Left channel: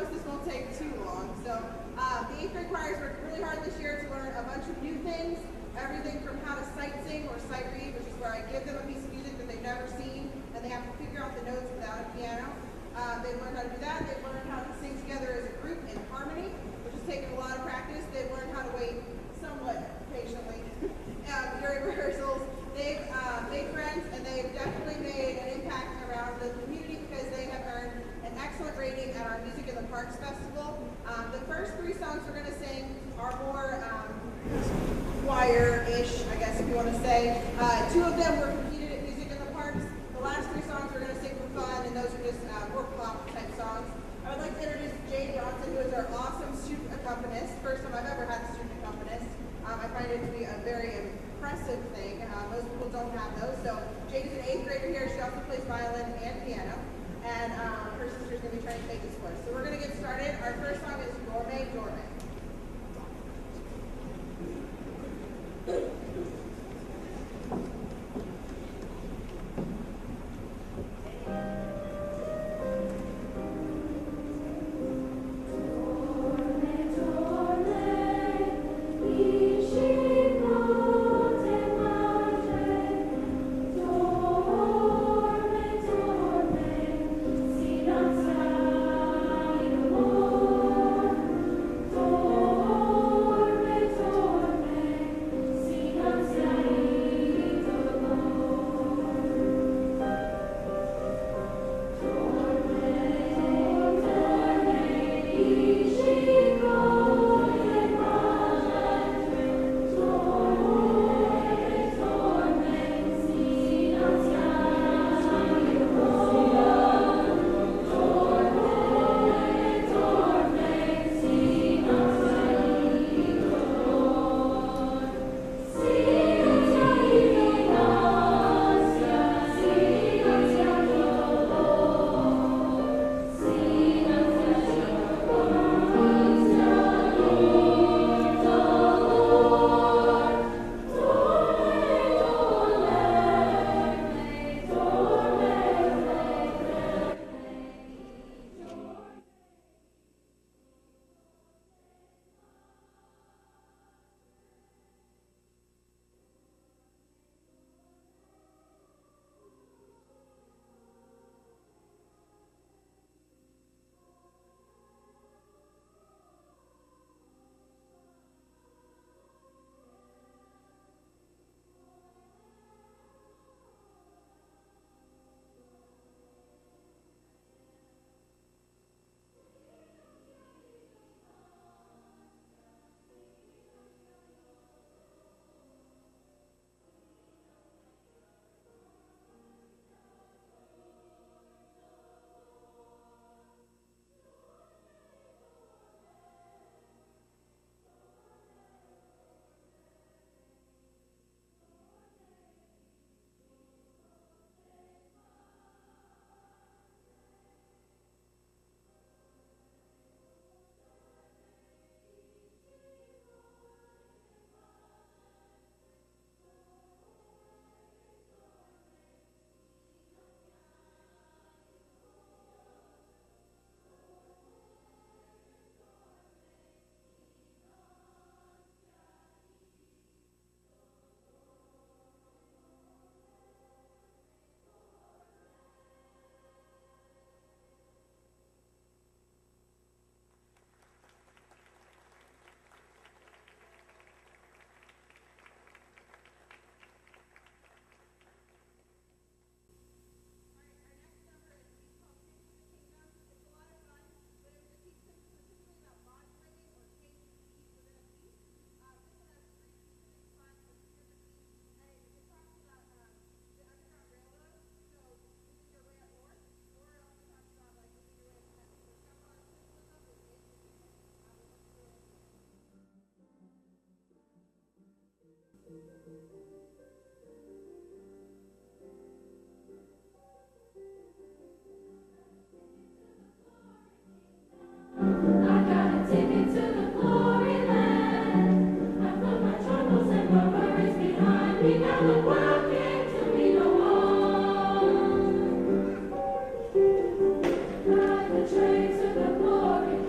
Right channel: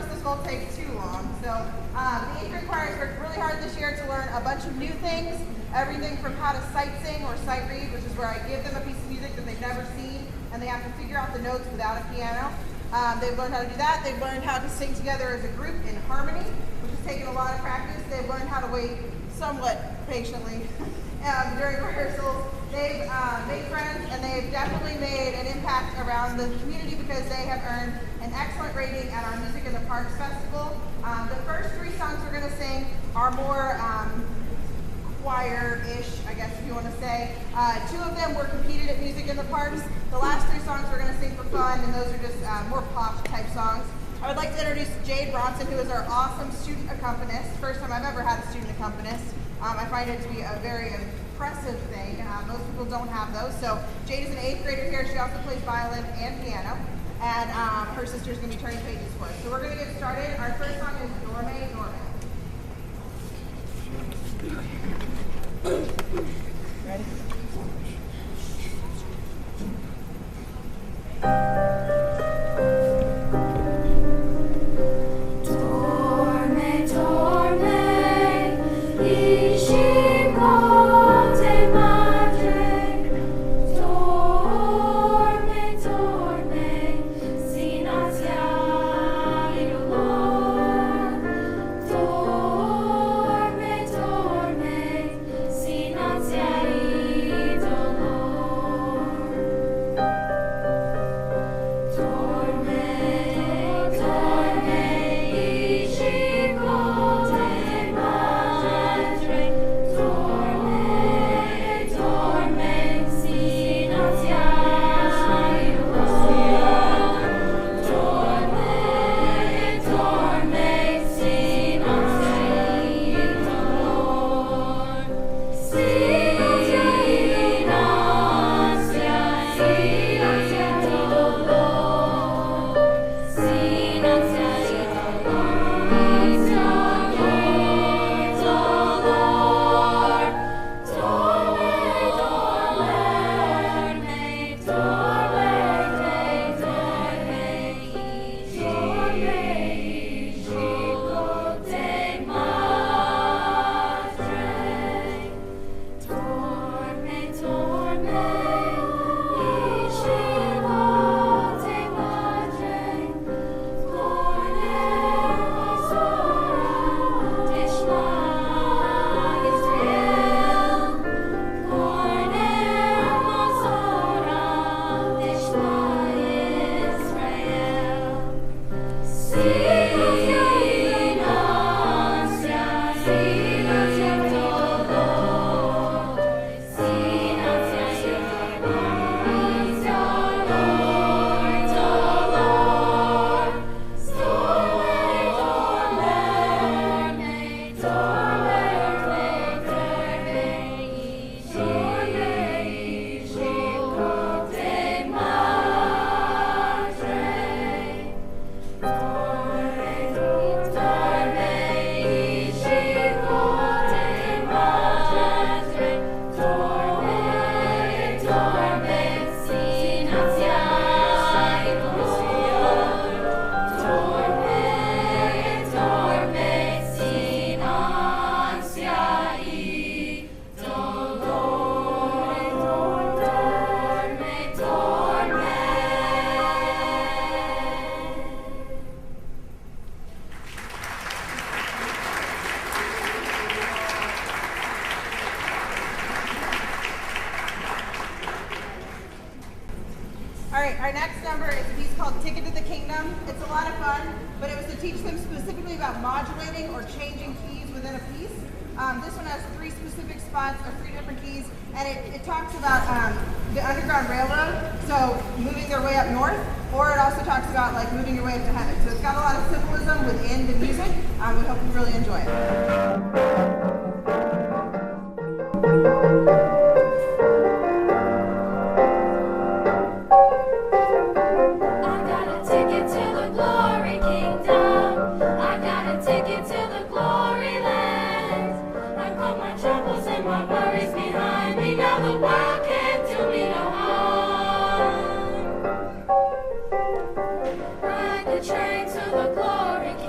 promise this won't take too long. So the 8th grade choir has worked really hard this year to learn a bunch of new things. Everything from how to sight sing or sight read, which is where I give them a piece of music that they've never seen, and they have to figure out the notes without a piano. They've learned how to do that. They've learned how to sing together as a group in harmony, which has taken a lot of practice. They've learned how to wait somewhat patiently during rehearsals. They've made friends, and they've definitely made an impact around the community because they have earned an excellent rating at our Music in the Parks Festival. The first 3 songs we're going to sing are more choir-ish, I guess if you want to say. 2 of them were competed at Music in the Parks. The last 3 songs we're going to sing for fun, and those are just more pop-type songs. I would like to introduce Jade Bronson, who is our awesome student accompanist. First time I've ever had a student accompanist. I find it to be a very impressive thing. Most people don't have those. So Jade is an 8th grader here. She also plays violin and piano. And her sister's going to be turning pages for us. So we're going to get started. Our first song is Dorme, Dorme. Ready? Our next number is a piece called Ticket to the Kingdom. It's a lot of fun, but it was to teach them specifically about modulating or changing keys within a piece. This one has 3 specific spots or 3 different keys, and it talks about the Underground Railroad, so moving their way up north, or it also talks about like moving your way up to heaven. So it's got a lot of symbolism within the music. We hope you really enjoy it. Ride the train to the glory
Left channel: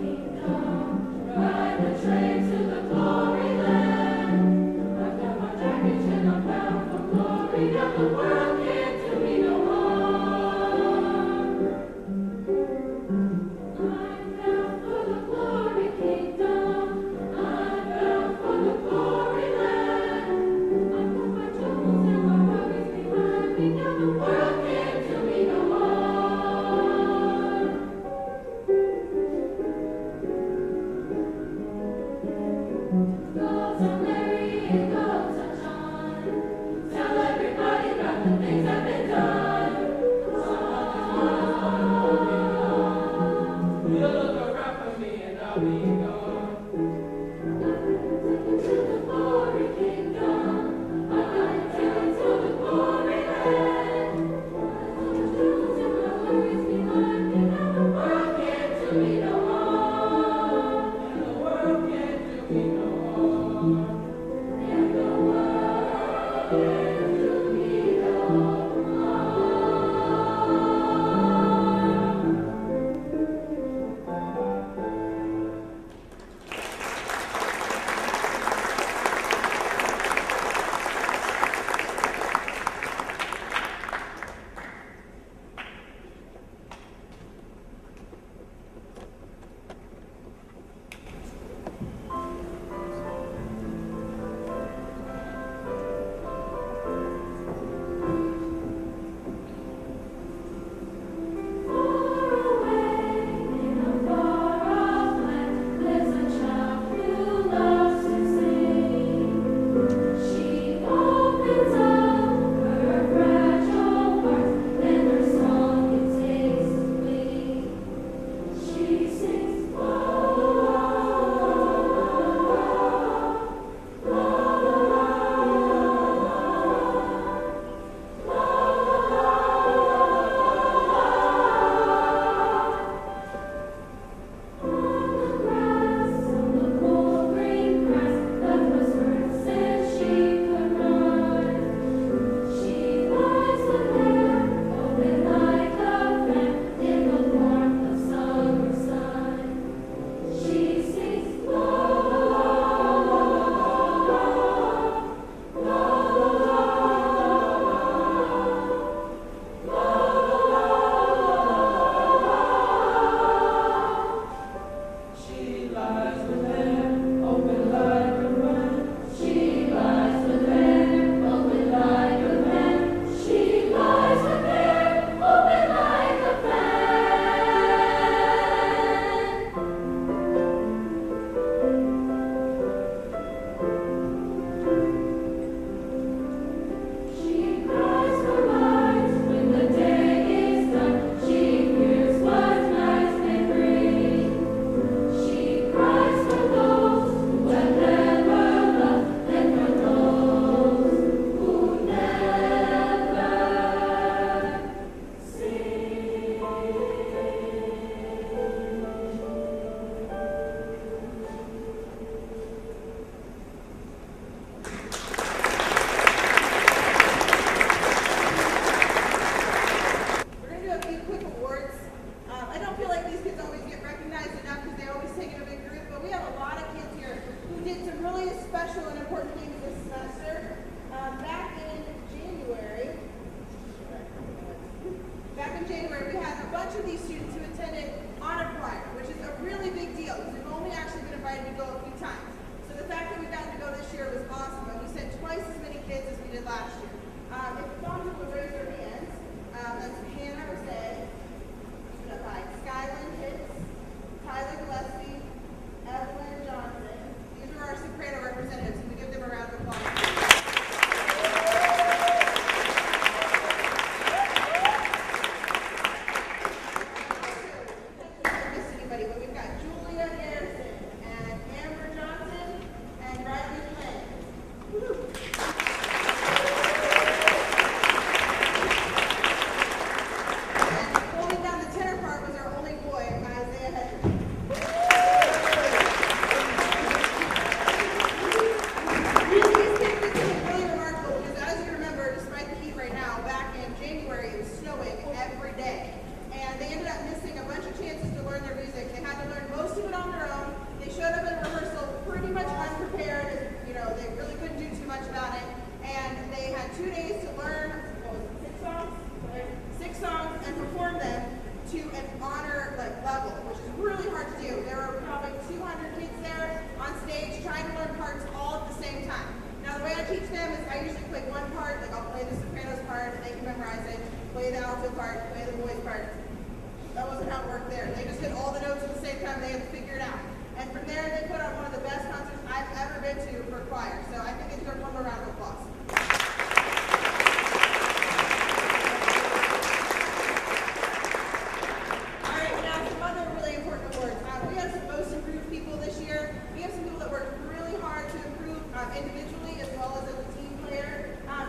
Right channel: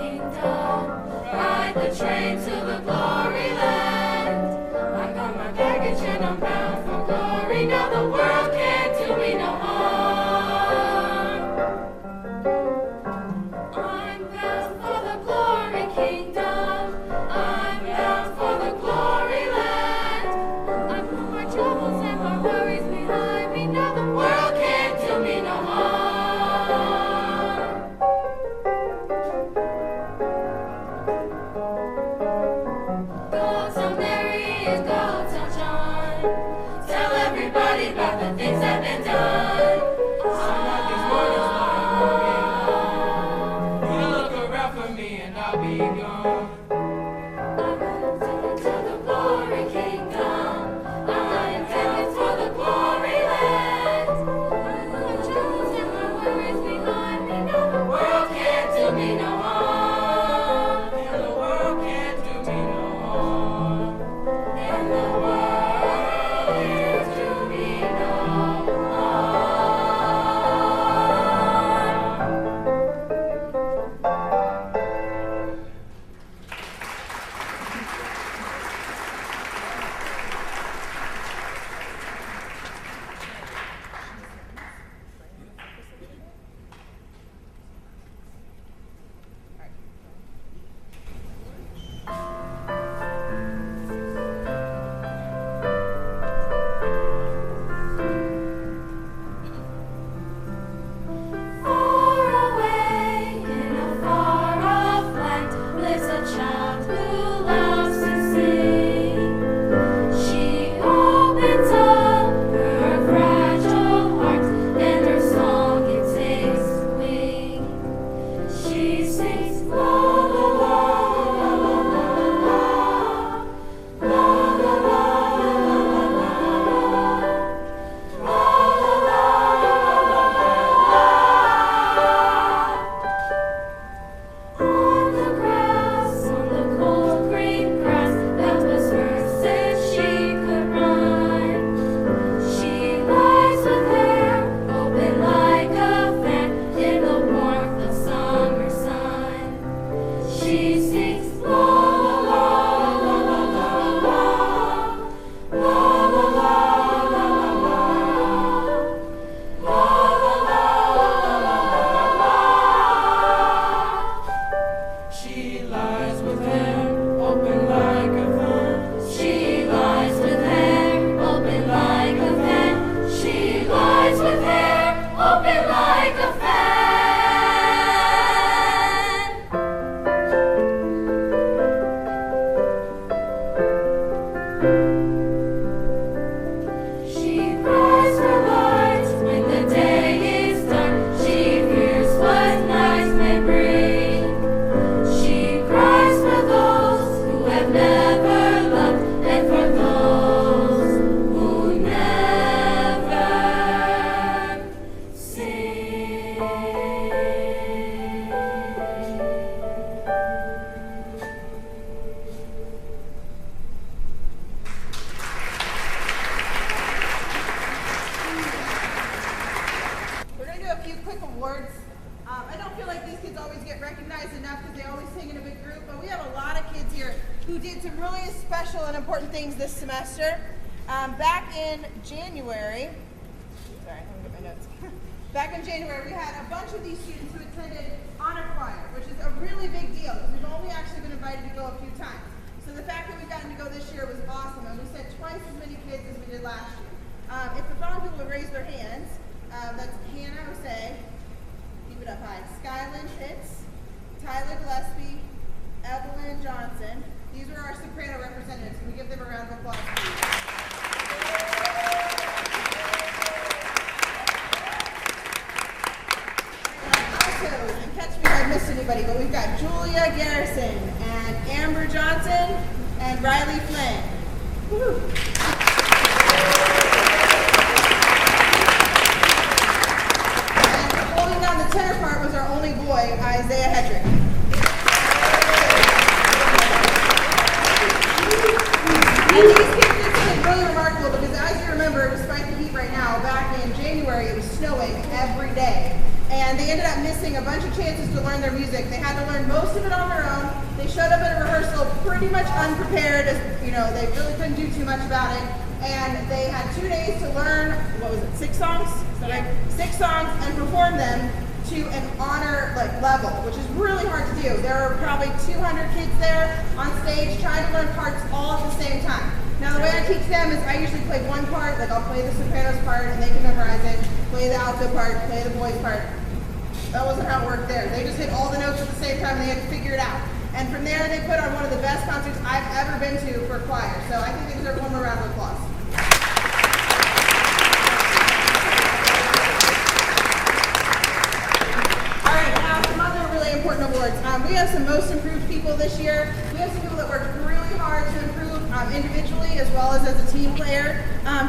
awards. We have some most improved people this year. We have some people that worked really hard to improve individually as well as a team player.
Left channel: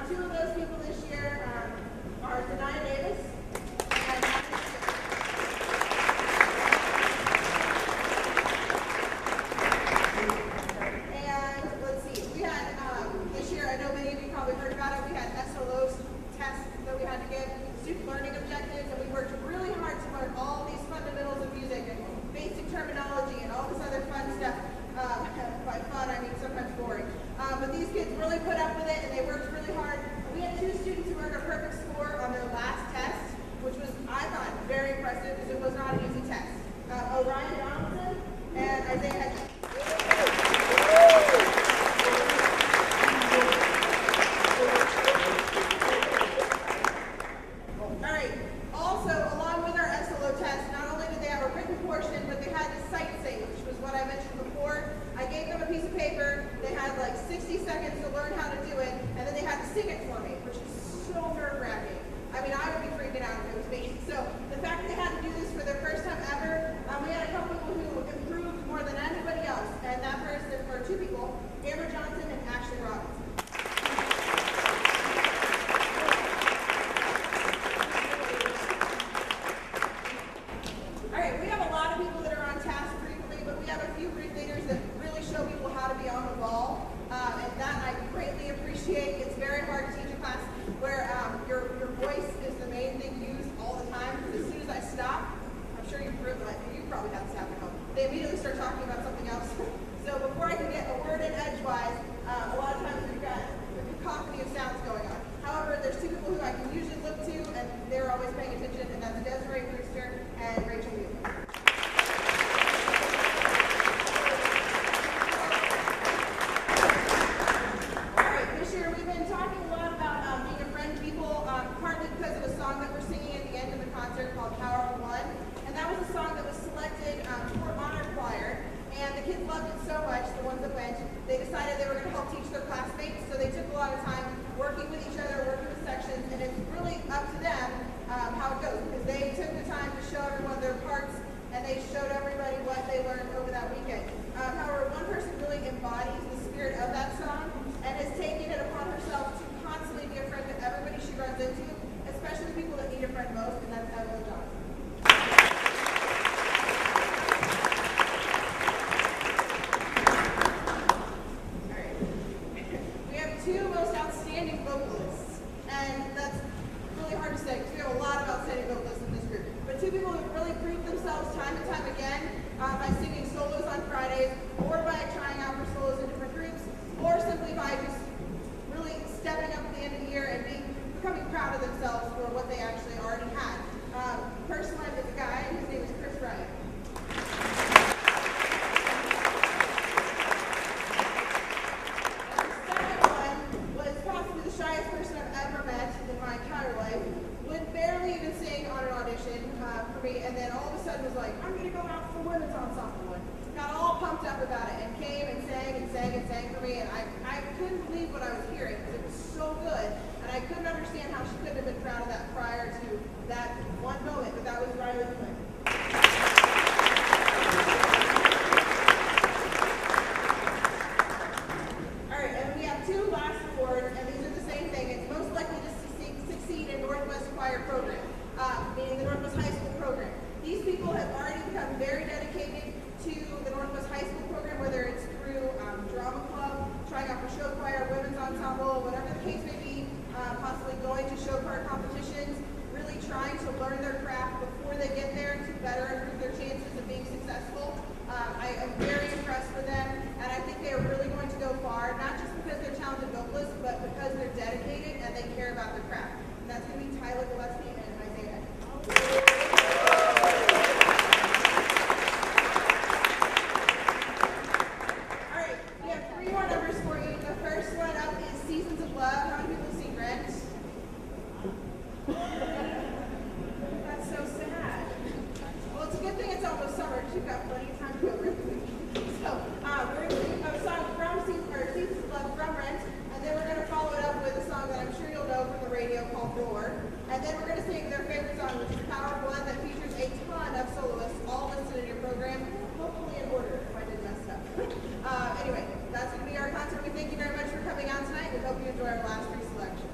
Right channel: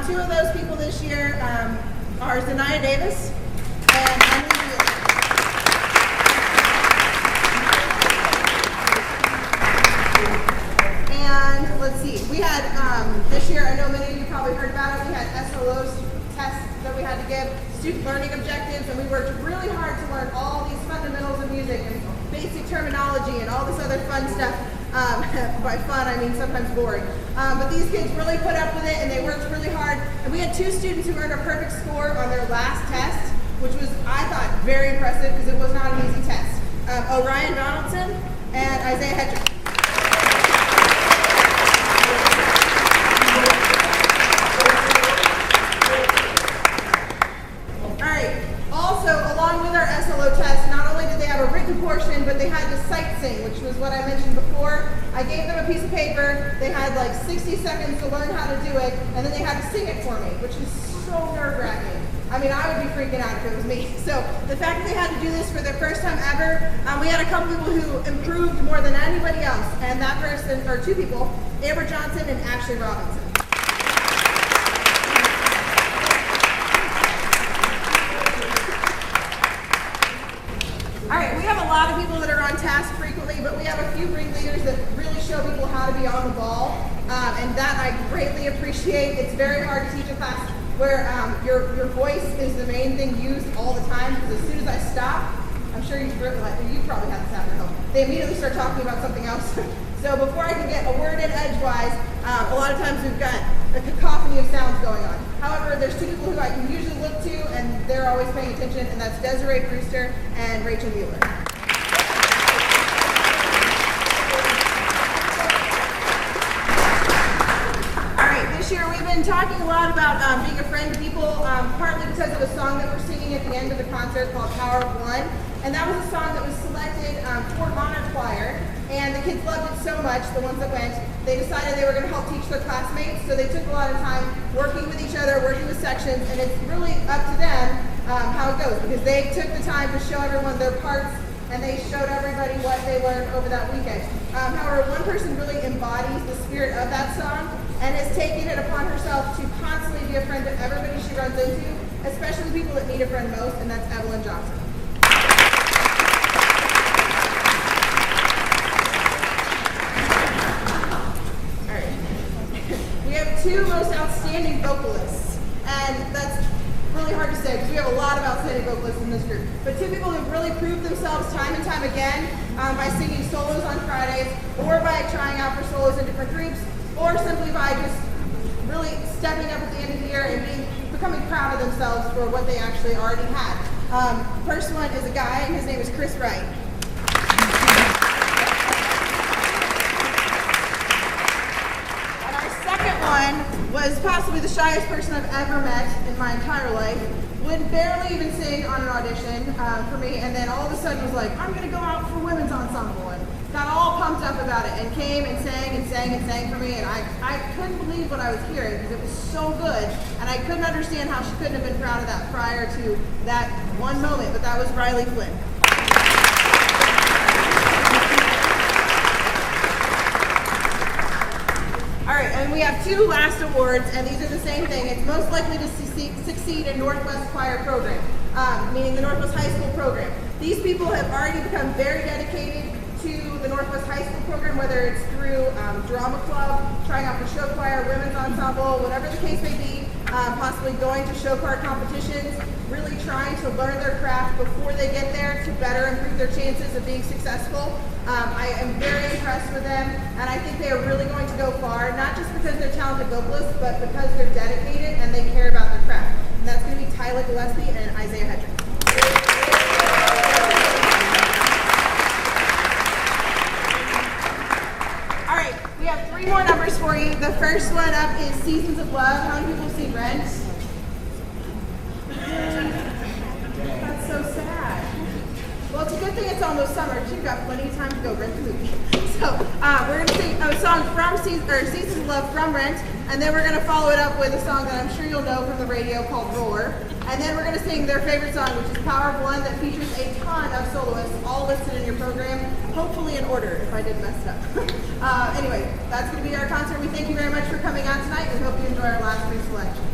Two of those people this year are Zanaya Davis and Emily Wheeler. And let's see, we had this year, I know many of you probably heard about it, we had SLOs tests that we had to give, student learning objectives, and we worked really hard to learn all these fundamentals of music and basic terminology and all this other fun stuff. By fun, I mean sometimes boring. But these kids really put up with it and they worked really hard. And we had two students who earned a perfect score on their last test, which was, I thought, very impressive because it was not an easy test. Orion Donaldson and Isaiah Hedrick. I gave them a piece of paper, they had like 60 seconds to learn how to do it, and then they had to sing it for me, which is so nerve-wracking. I mean, I would be freaking out if it was me. So the fact that they had to do this for their first time ever, we had a couple people who improved more than anybody else, and that person, or two people, Amber Johnson and Ashley Robinson. All right, we have a lot of people that are on task frequently, but we have a few ringleaders that really show people how to be on the ball, and that I greatly appreciate. It's very hard to teach a class where your voice is the main thing used all the time, because as soon as I stop, I'm sure you probably have this happen at home, they immediately start talking about something else. So before I can get a word in edgewise, a lot of times we've got a cacophony of sounds going on. However, there's two people who I can usually look to, and they're always paying attention, and that's Desiree Brewster and Rachel Mueller. All right, this year we've been talking a lot about being a friend to people, partly because of a song that we're singing at the end of the concert called Power of One, and that was a song that was selected for Honor Choir. And the kids loved it so much, the ones that went, they decided they were going to help teach their classmates. So they took a lot of time working with each other, working with sections, and it's really up to them how it goes, because they took the time to show everyone their parts, and they showed everybody what they learned over that weekend. However, one person really embodies the spirit of that song and has taken it upon herself to constantly be a friend to everybody she runs into, especially the people that need a friend most, and that's Evelyn Johnson. Two most outstanding vocalists, and that's really hard to say because we have a lot of outstanding vocalists in this group, but two people who've really proved themselves time and time again by singing solos on Fridays, or by trying out for solos in different groups, or simply by just really stepping up at the end of the year and becoming proud of themselves for what they actually already had. First one is a guy, and his name is Chris Wright. Was possibly the shyest person I've ever met in my entire life. Would barely even sing on an audition for me, and then all of a sudden was like, I'm going to go out for women's ensemble, and got all pumped up about it, and came and sang and sang and sang for me, and I couldn't believe what I was hearing because it was so good, and I couldn't understand how she couldn't have been proud of that prior to that one moment, but that was Riley Flynn. And we have two last awards, and these are the same thing. It's most likely to succeed in Northwest Choir program, meaning the Northwest High School program. These people have already become very dedicated to the Northwest High School program, whether it's through drama club, trying out for show choir, women's ensemble, whatever the case may be, possibly going to show choir competitions, really trying to learn their craft before they get there to better improve their chances of being successful. I am very impressed with them, and I think they are really going to go far, not just because they're talented vocalists, but because they're dedicated and they care about their craft. And that's going to be Tyler Gillespie and Isaiah Hedrick. All right, we have three more numbers for you. The first one up is Seasons of Love. How many people have seen Rent? That's so sad. Well, it's a good thing it's almost summer, because you've got plenty of time to go rent the movie. So we're going to sing a song from Seasons of Love from Rent, and then we're going to follow it up with a song that I'm sure you'll know from the radio called Roar. And then we're going to sing their favorite song, which is Power of One, that features a ton of soloists, all listed in your program, hopefully in order, if I didn't mess it up. Anyway, that's going to be our concert. We thank you very much for coming out tonight. We hope you enjoy our last week's selection.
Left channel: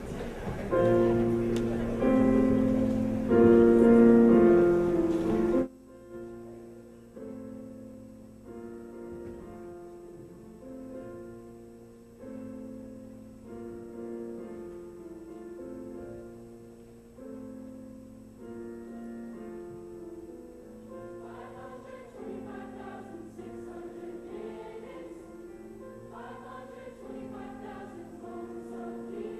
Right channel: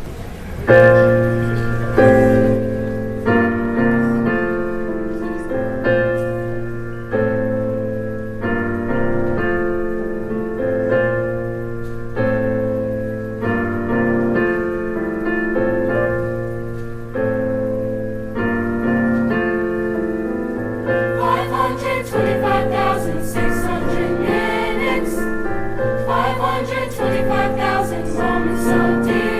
Moments so dear.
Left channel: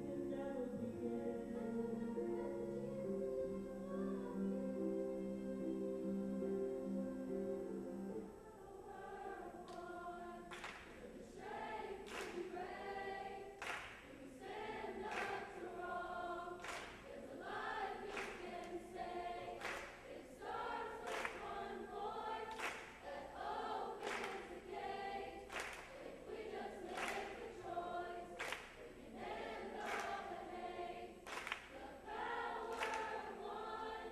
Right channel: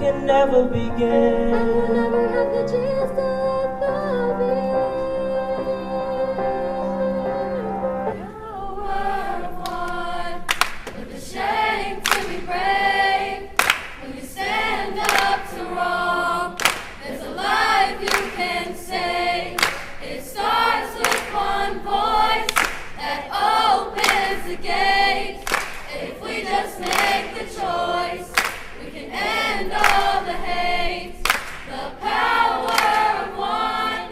Can never begin. And we'll never have the chance to love it. Power of one, with the shame to be brave. When you stand up to wrong, there's a life you can save. It starts with one voice that opens the gate. If we just make the choice, we can end all the hate. The power of one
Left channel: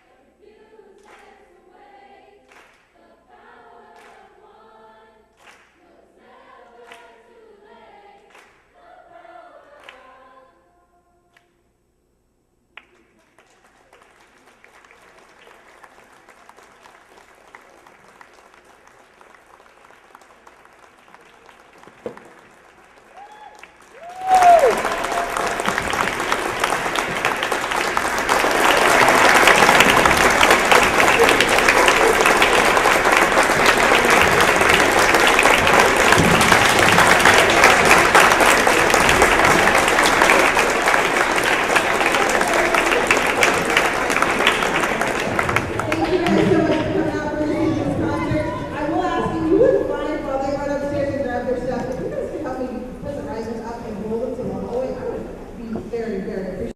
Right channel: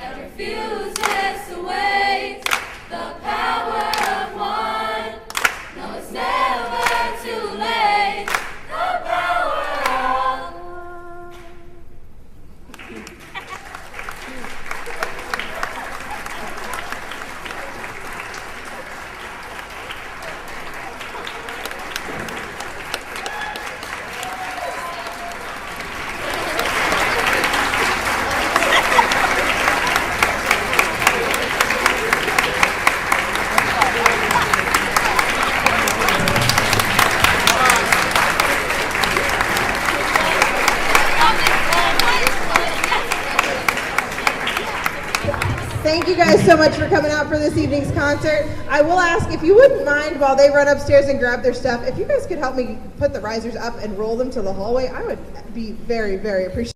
that refuses to wait. The power of one, no, it's never too late. The power of one. Thank you guys so much for coming out for this evening's concert. I will ask if you wouldn't mind while they run upstairs and grab their stuff, if you guys could help me put the risers up and roll them to the hallway, I would be very, very appreciative.